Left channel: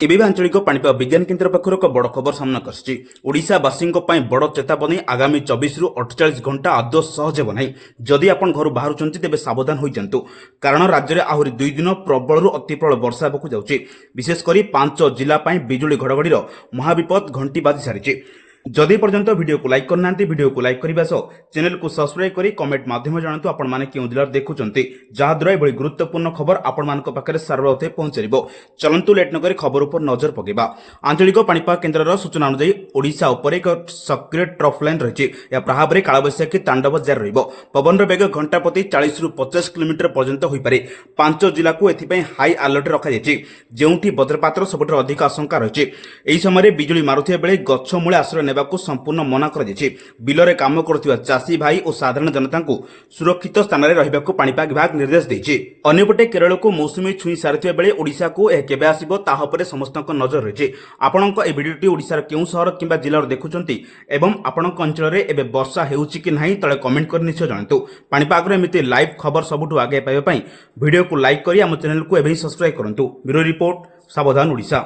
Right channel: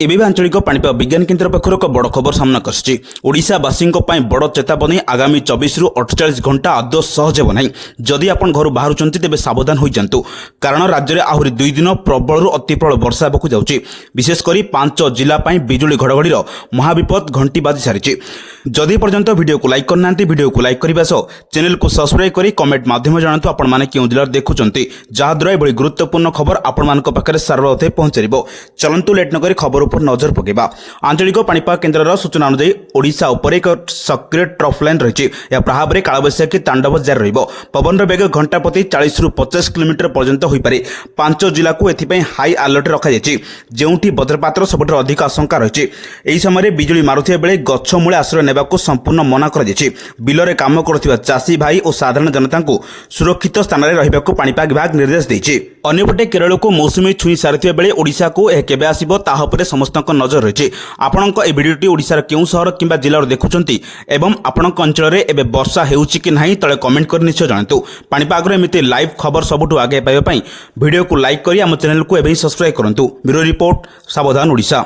एबे आंचलिक पाणीपाग विज्ञान केन्द्र पक्षर एक बड़ खबर सामना आशावासी बड़ चेतावनी आगामी 24 रु 48 घंटा आदौ सहज हो ना जदि आप घर बाहर तेज सावधान हो जातु कारण राज्य में आहरी 2 दिन प्रबल अति प्रबल वर्षा होगा जाऊँगी विशेषकर 5 जिला बिजुली घड़घड़ी महाविपद घंटी बाजी सारी जदि पर्यंत वीडियो को लाइक करना वीडियो को लाइक करने सह चैनल को सब्सक्राइब कर कमेंट माध्यम जानतु आपण क्यों जिले देखुं जहाद्वारा यह गुरुत्वपूर्ण खबर आपण पाखे सारे पहुंचार चलतु लेट नक खबर पर नजर पकेबा। आंचलिक पाणीपाग केन्द्र सूचना अनुसार ओडिशा उपर एक सक्रिय ट्रफ लाइन रही है प्रभाव में कालबैशाखी तांडव जारी रवन वेग घंटा प्रति 40 रु 50 किलोमीटर पर्यंत हो पारे 5 जिला को एथिपाई हाई अलर्ट रखा जो वज्रपातर सबुठ अधिक आशंका रही यही समय बिजुली मारुथिबा बेले गछ मूले आश्रय नेबाकू संपूर्ण मना कर बिलरे काम करुथिबा चाषी भाई और साधारण जनता को सुरक्षित स्थान में रहिबाकू पाणीपाग विभाग निर्देश देछि। अन्यपटे केरल को मौसुमी छुई सारिथिबा बेले ओडिशा को यह केबे आसिबो ताहा उपरे समस्त नजर रही आपणक ए भिडियोटी ओडिशार केउ शहर किंबा जिल्लार देखुचंती एवं आपणक अंचल में एबे वर्षा हेउची कि नाही तळे कमेंट कर निश्चय जानतु। पाणीपाग एमती लाइव खबर सबुठु आगे पाइबा पई वीडियो को लाइक करी आम चैनल को एबे सब्सक्राइब करंतु। ब्यूरो रिपोर्ट सावधान ओडिशा।